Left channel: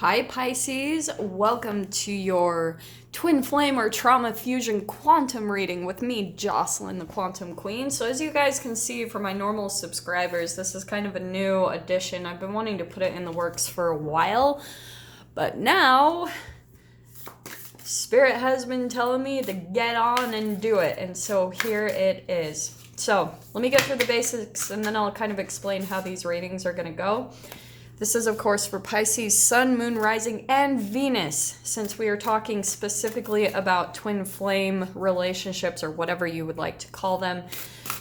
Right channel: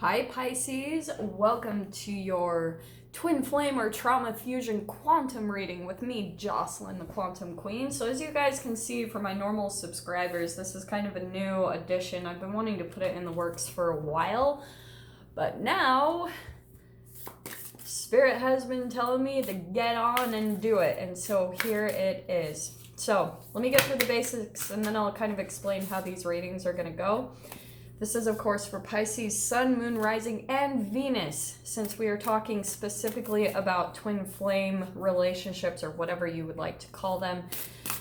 Hi Pisces, welcome to your twin flame or trauma fusion quantum reading with me, Jocelyn, the Quantum Queen. So as you guys can see for my normal subscribers, this is kind of a new addition. I've been wanting to put it in the works for a while, but now Spirit has been telling me to get on and do it, and so here it is. So let me get through the basics and then I'll kind of explain how these readings are going to go. This is, of course, for Pisces, Sun, Moon, Rising, and Venus, since we are talking specifically about twin flame relationships or whatever you would like to call them.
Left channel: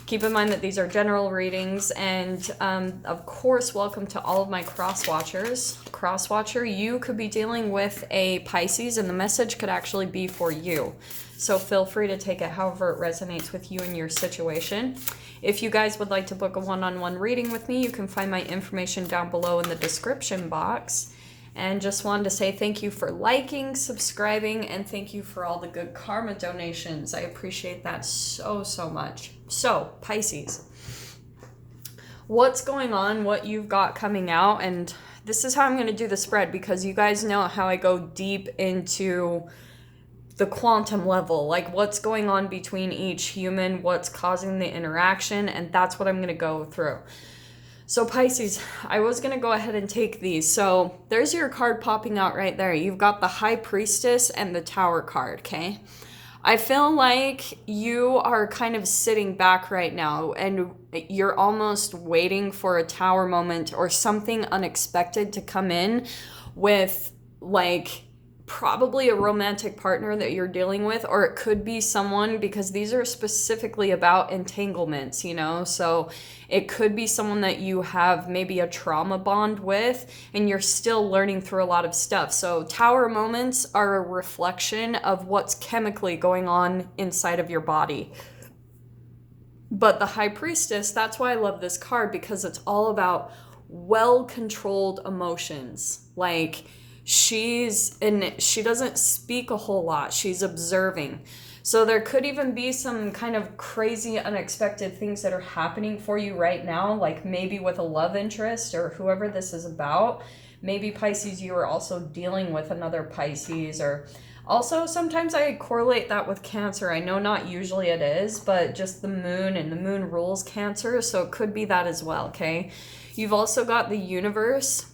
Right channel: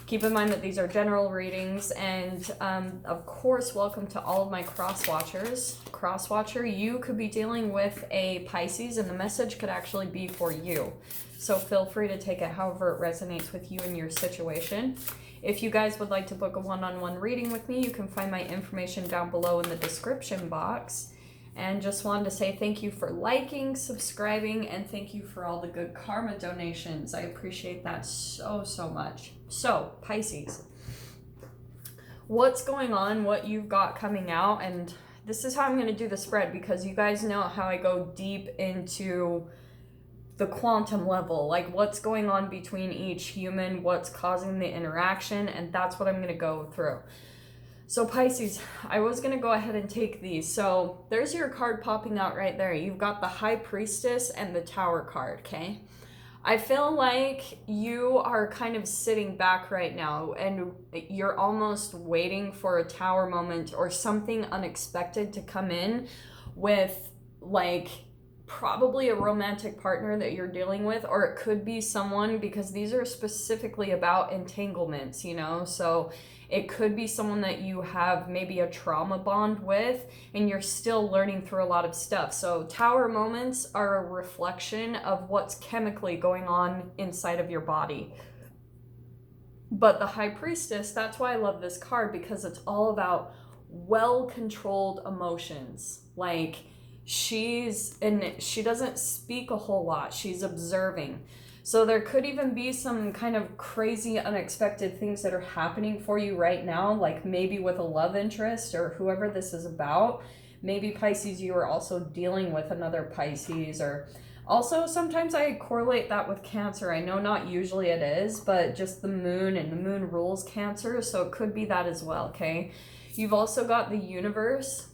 Keep in mind that these are general readings, and of course, welcome to all of my cross-watchers. Cross-watcher, you could be dealing with a Pisces, and the message could actually be for you. So feel free to take it however it resonates with you and your situation. If you guys would like to book a one-on-one reading with me, you can find my information down below in the description box. And just wanted to say thank you for liking, subscribing, and thank you for all the good karma donations. I appreciate that so, so much. So, Pisces, what's going on, what you've got coming out, and this is how I'm going to do the spread because you guys know how I go deep into the quantum level, like what's going on between each human, what's causing the interaction, and that's what I'm going to go through. So Pisces, I was going to go ahead and take these. So there's your card popping out right there. You've got the High Priestess and the Tower card, okay? I feel like you are kind of sitting back right now and you're almost waiting for a Tower moment or something unexpected to come in with like probably a romantic partner that you're dealing with, or it could be someone, because these are specifically about entanglements, you know, so it could be someone that you have maybe a trauma bond with and you're still learning through a lot of stuff. So Tower moments are a reflection of what's chemically going on inside of your body. But the High Priestess, that's why I love this card, because it's all about well-controlled emotions. Like, she doesn't speak a whole lot. She's observing. So there could even be some kind of crazy, unexpected things that are happening for you right now, like maybe with a love interest or whoever this is about. Maybe Pisces, you are also dealing with another Pisces, or also sometimes I correlate that with Cancer. I know not usually it is, but just the moon, and the moon rules Cancer, so it could be that as well, okay? You've also got the Universe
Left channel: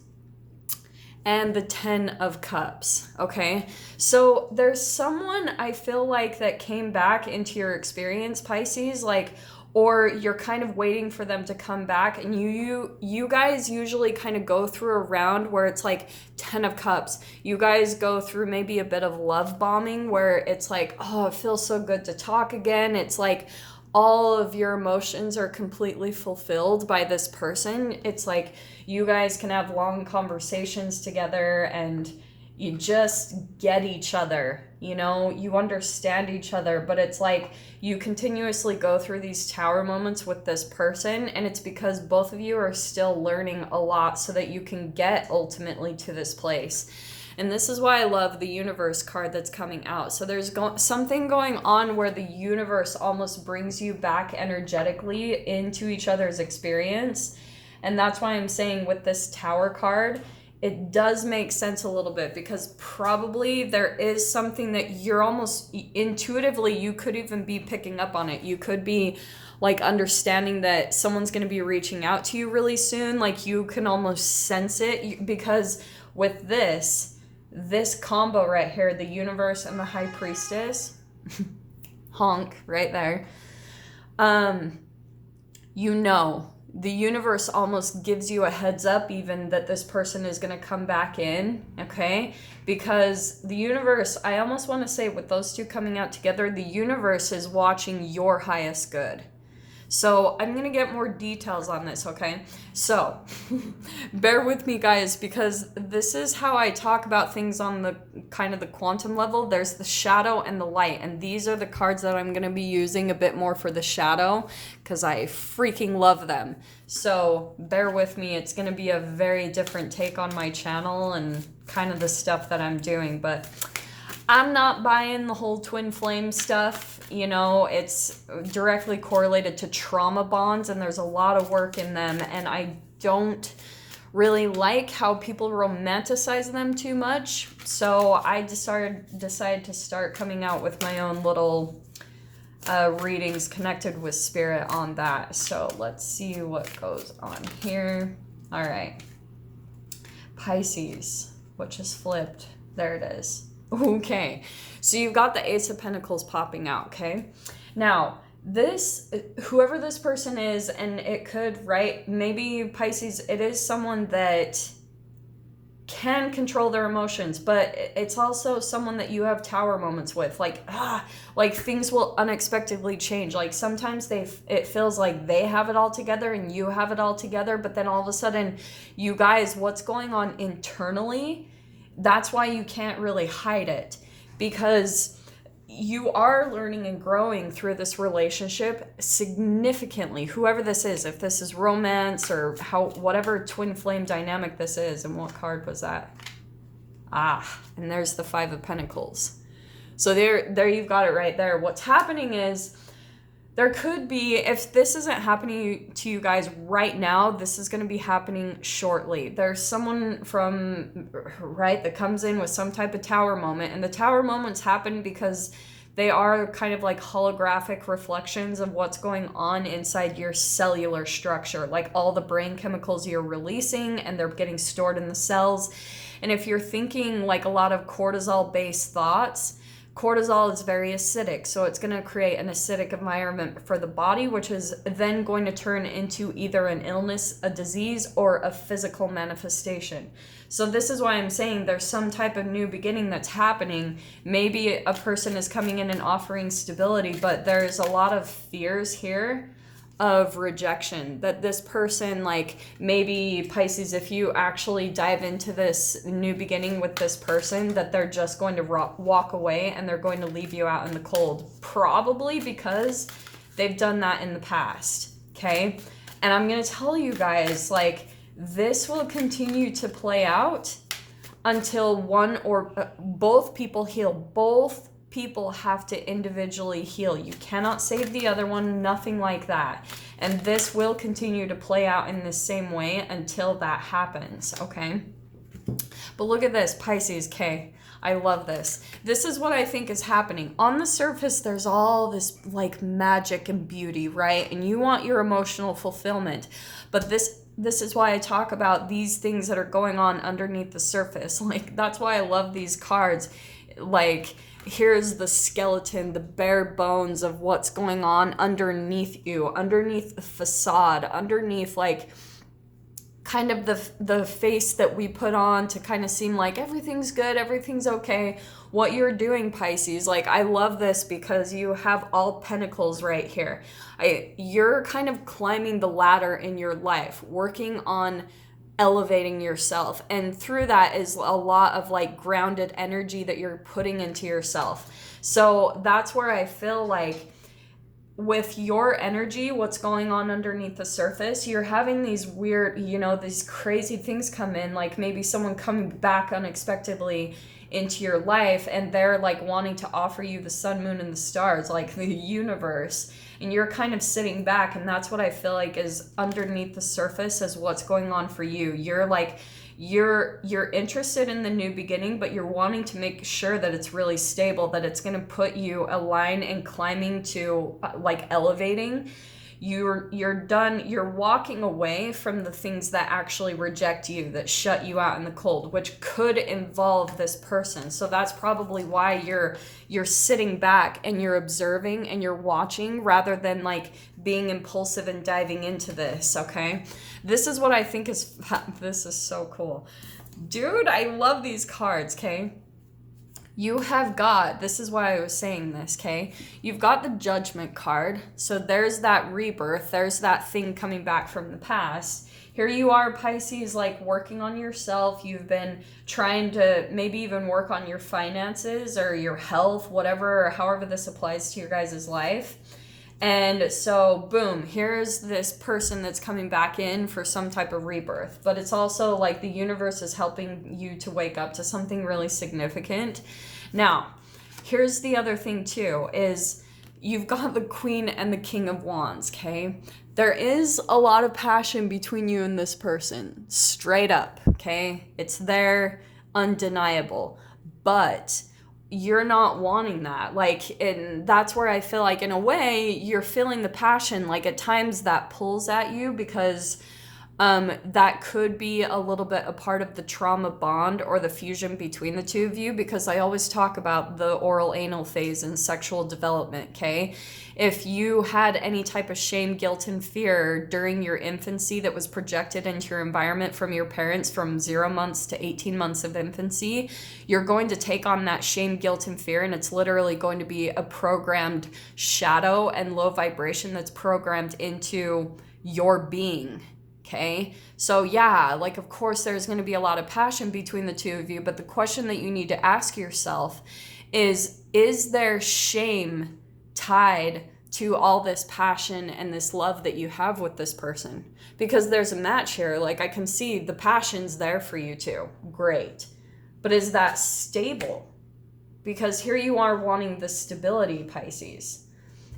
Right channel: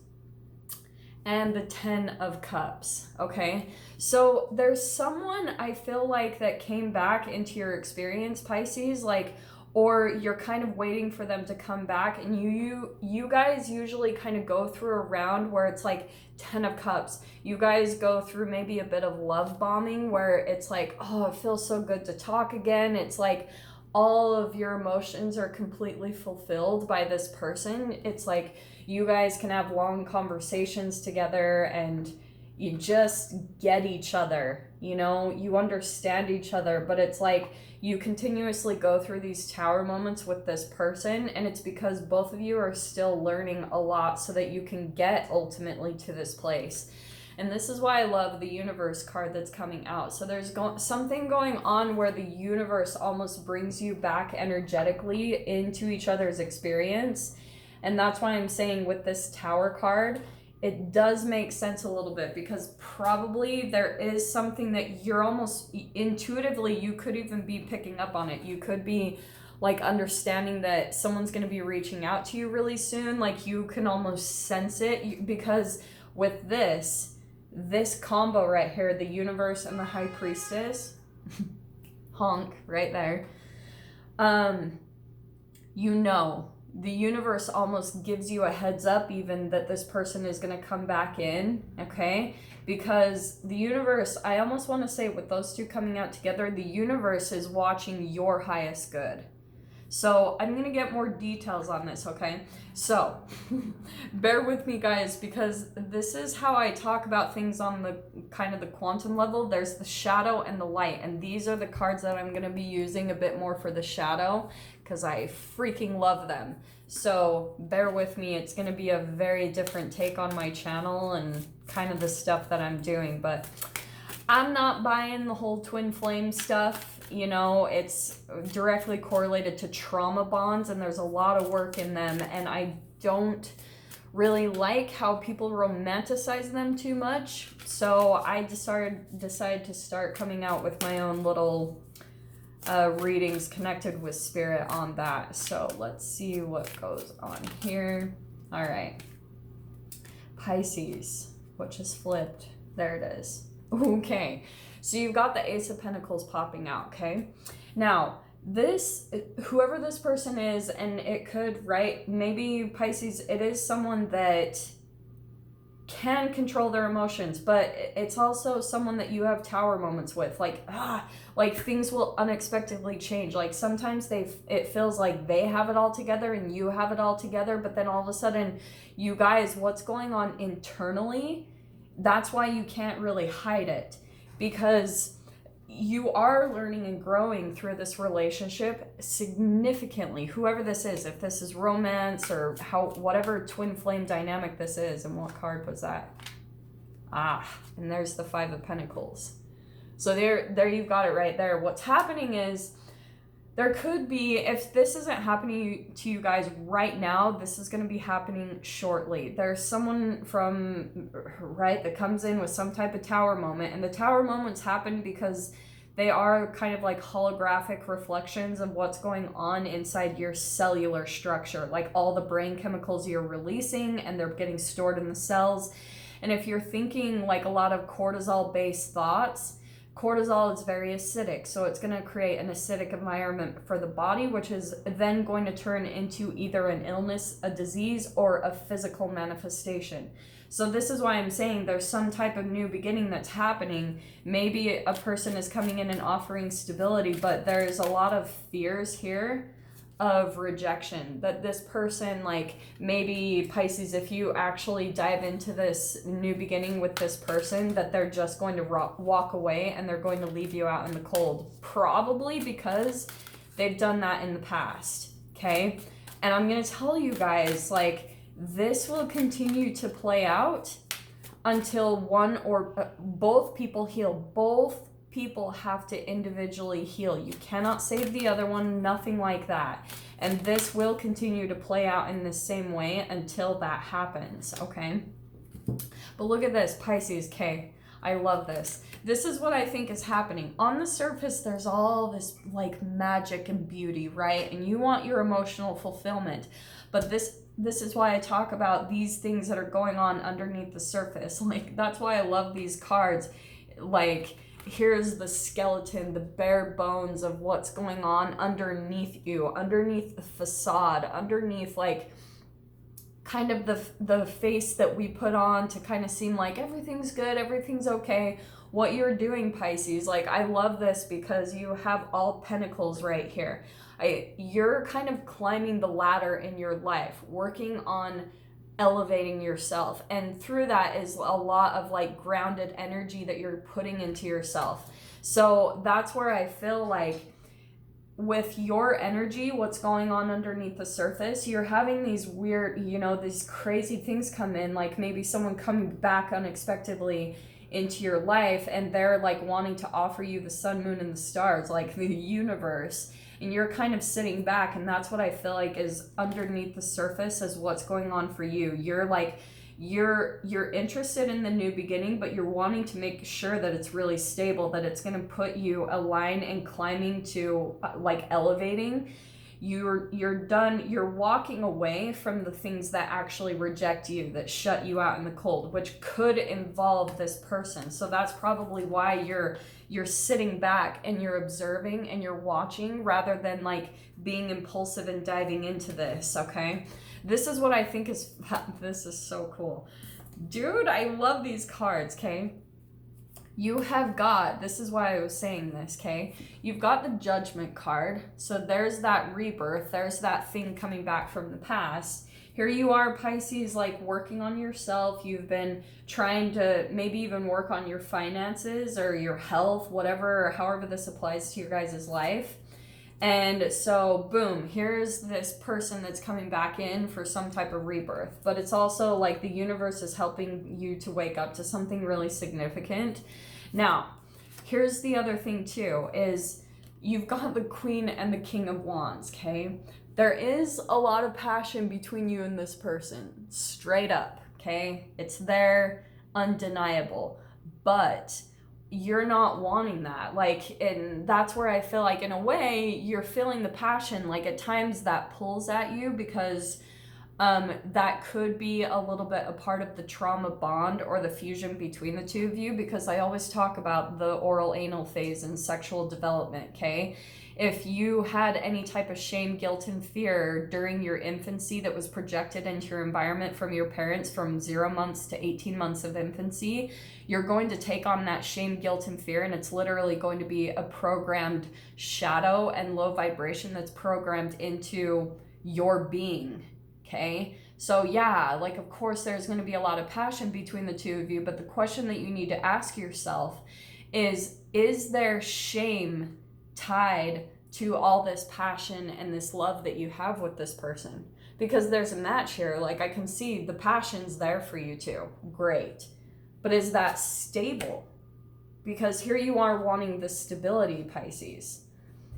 and the 10 of Cups, okay? So there's someone I feel like that came back into your experience, Pisces, like, or you're kind of waiting for them to come back, and you guys usually kind of go through a round where it's like 10 of Cups. You guys go through maybe a bit of love bombing where it's like, oh, it feels so good to talk again. It's like all of your emotions are completely fulfilled by this person. It's like you guys can have long conversations together and you just get each other, you know, you understand each other, but it's like you continuously go through these Tower moments with this person, and it's because both of you are still learning a lot so that you can get ultimately to this place. And this is why I love the Universe card that's coming out. So there's something going on where the universe almost brings you back energetically into each other's experience. And that's why I'm saying with this Tower card, it does make sense a little bit, because probably there is something that you're almost intuitively, you could even be picking up on it. You could be like understanding that someone's going to be reaching out to you really soon. Like you can almost sense it, because with this combo right here, the Universe and the High Priestess, honk right there, you know, the universe almost gives you a heads up even that this person is going to come back in, okay? Because the universe, I almost want to say with those two coming out together, the universe is watching your highest good. So I'm going to get more details on this, okay? So bear with me, guys, because this is how I talk about things on the kind of the quantum level. There's the shadow and the light, and these are the cards that I'm going to be using a bit more for the shadow because I freaking love them. So bear with me. It's going to be a very different take on my channel and kind of the stuff that I'm doing, but I'm not buying the whole twin flame stuff. You know, it's directly correlated to trauma bonds, and there's a lot of work in them, and I don't really like how people romanticize them too much. So I decided to start coming out with my own little readings connected with spirit on that. So let's see what goes on here. All right. Pisces, what just flipped? There it is. Okay. So you've got the Ace of Pentacles popping out, okay? Now, whoever this person is, and it could, right? Maybe Pisces, it is someone that can control their emotions, but it's also someone that you have tower moments with, like things will unexpectedly change. Like sometimes it feels like they have it all together and you have it all together, but then all of a sudden, you guys, what's going on internally, that's why you can't really hide it, because you are learning and growing through this relationship significantly, whoever this is, if this is romance or whatever twin flame dynamic this is. And what card was that? And there's the Five of Pentacles. So there you've got it right there. What's happening is, there could be, if this isn't happening to you guys right now, this is going to be happening shortly. There's someone that comes in with some type of tower moment, and the tower moments happen because they are kind of like holographic reflections of what's going on inside your cellular structure, like all the brain chemicals you're releasing, and they're getting stored in the cells. And if you're thinking like a lot of cortisol-based thoughts, cortisol is very acidic, so it's going to create an acidic environment for the body, which is then going to turn into either an illness, a disease, or a physical manifestation. So this is why I'm saying there's some type of new beginning that's happening. Maybe a person is coming in and offering stability, but there's a lot of fears here of rejection, that this person, like maybe Pisces, if you actually dive into this new beginning with this person, that they're just going to walk away and they're going to leave you out in the cold, probably because they've done that in the past, okay? And I'm going to tell you guys, like, this will continue to play out until one or both people heal. Both people have to individually heal. You cannot save the other one, nothing like that. And this will continue to play out in the same way until that happens, okay? But look at this, Pisces, okay? I love this. This is what I think is happening. On the surface, there's all this like magic and beauty, right? And you want your emotional fulfillment. But this is why I talk about these things that are going on underneath the surface. Like, that's why I love these cards. Like, here's the skeleton, the bare bones of what's going on underneath you, underneath the facade, underneath like kind of the face that we put on to kind of seem like everything's good, everything's okay. What you're doing, Pisces, like, I love this because you have all pentacles right here. You're kind of climbing the ladder in your life, working on elevating yourself, and through that is a lot of like grounded energy that you're putting into yourself. So that's where I feel like with your energy, what's going on underneath the surface, you're having these weird, these crazy things come in, like maybe someone coming back unexpectedly into your life and they're like wanting to offer you the sun, moon, and the stars, like the universe, and you're kind of sitting back. And that's what I feel like is underneath the surface is what's going on for you. You're like, you're interested in the new beginning, but you're wanting to make sure that it's really stable, that it's going to put you aligned and climbing to like elevating. You're done. You're walking away from the things that actually reject you, that shut you out in the cold, which could involve this person. So that's probably why you're sitting back and you're observing and you're watching rather than like being impulsive and diving into this, okay? This is what I think this is so cool. Dude, I love these cards, okay? You have got, this is why I was saying this, okay? You've got the Judgment card. So there's that rebirth. There's that thing coming back from the past. Here you are, Pisces, like working on yourself. You've been trying to maybe even work on your finances or your health, whatever, or however this applies to your guys' life. And so, boom, here's this person that's coming back in for some type of rebirth. But it's also like the universe is helping you to wake up to something really significant. Now, here's the other thing too, is you've got the Queen and the King of Wands, okay? There is a lot of passion between you and this person, straight up, okay? It's there, undeniable. But you're not wanting that. Like, and that's where I feel like, in a way, you're feeling the passion. Like, at times that pulls at you because that could be a little bit a part of the trauma bond or the fusion between the two of you, because I always talk about the oral anal phase in sexual development, okay? If you had any type of shame, guilt, and fear during your infancy that was projected into your environment from your parents from 0 months to 18 months of infancy, you're going to take on that shame, guilt, and fear, and it's literally going to be a programmed shadow and low vibration that's programmed into your being. Okay, so yeah, like, of course there's going to be a lot of passion between the two of you, but the question that you need to ask yourself is there shame tied to all this passion and this love that you have with this person? Because there's a match here. Like, I can see the passion's there for you too. Great. But is that stable? Because here you are wanting the stability, Pisces,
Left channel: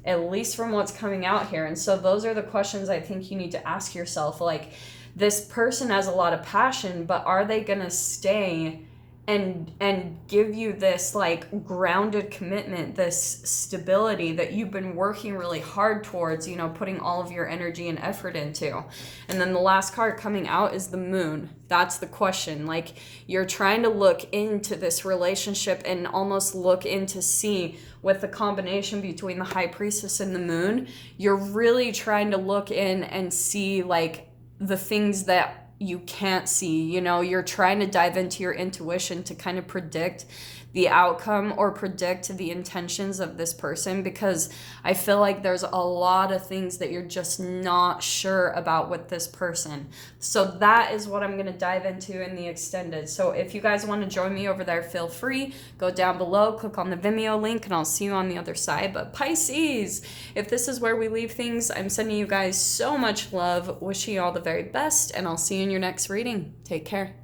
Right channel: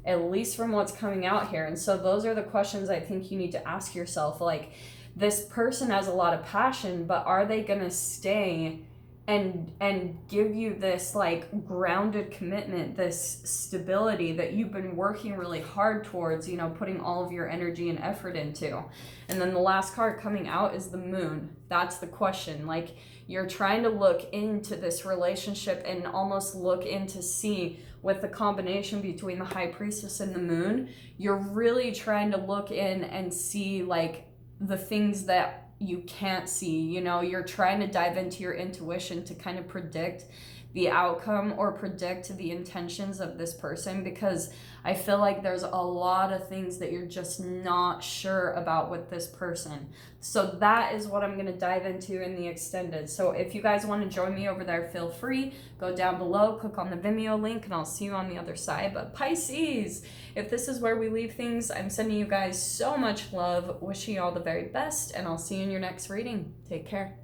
at least from what's coming out here. And so those are the questions I think you need to ask yourself. Like, this person has a lot of passion, but are they gonna stay and give you this like grounded commitment, this stability that you've been working really hard towards, you know, putting all of your energy and effort into? And then the last card coming out is the moon. That's the question. Like, you're trying to look into this relationship and almost look into see, with the combination between the high priestess and the moon, you're really trying to look in and see like the things that you can't see. You know, you're trying to dive into your intuition to kind of predict the outcome or predict the intentions of this person, because I feel like there's a lot of things that you're just not sure about with this person. So that is what I'm going to dive into in the extended. So if you guys want to join me over there, feel free. Go down below, click on the Vimeo link, and I'll see you on the other side. But Pisces, if this is where we leave things, I'm sending you guys so much love, wishing you all the very best, and I'll see you in your next reading. Take care.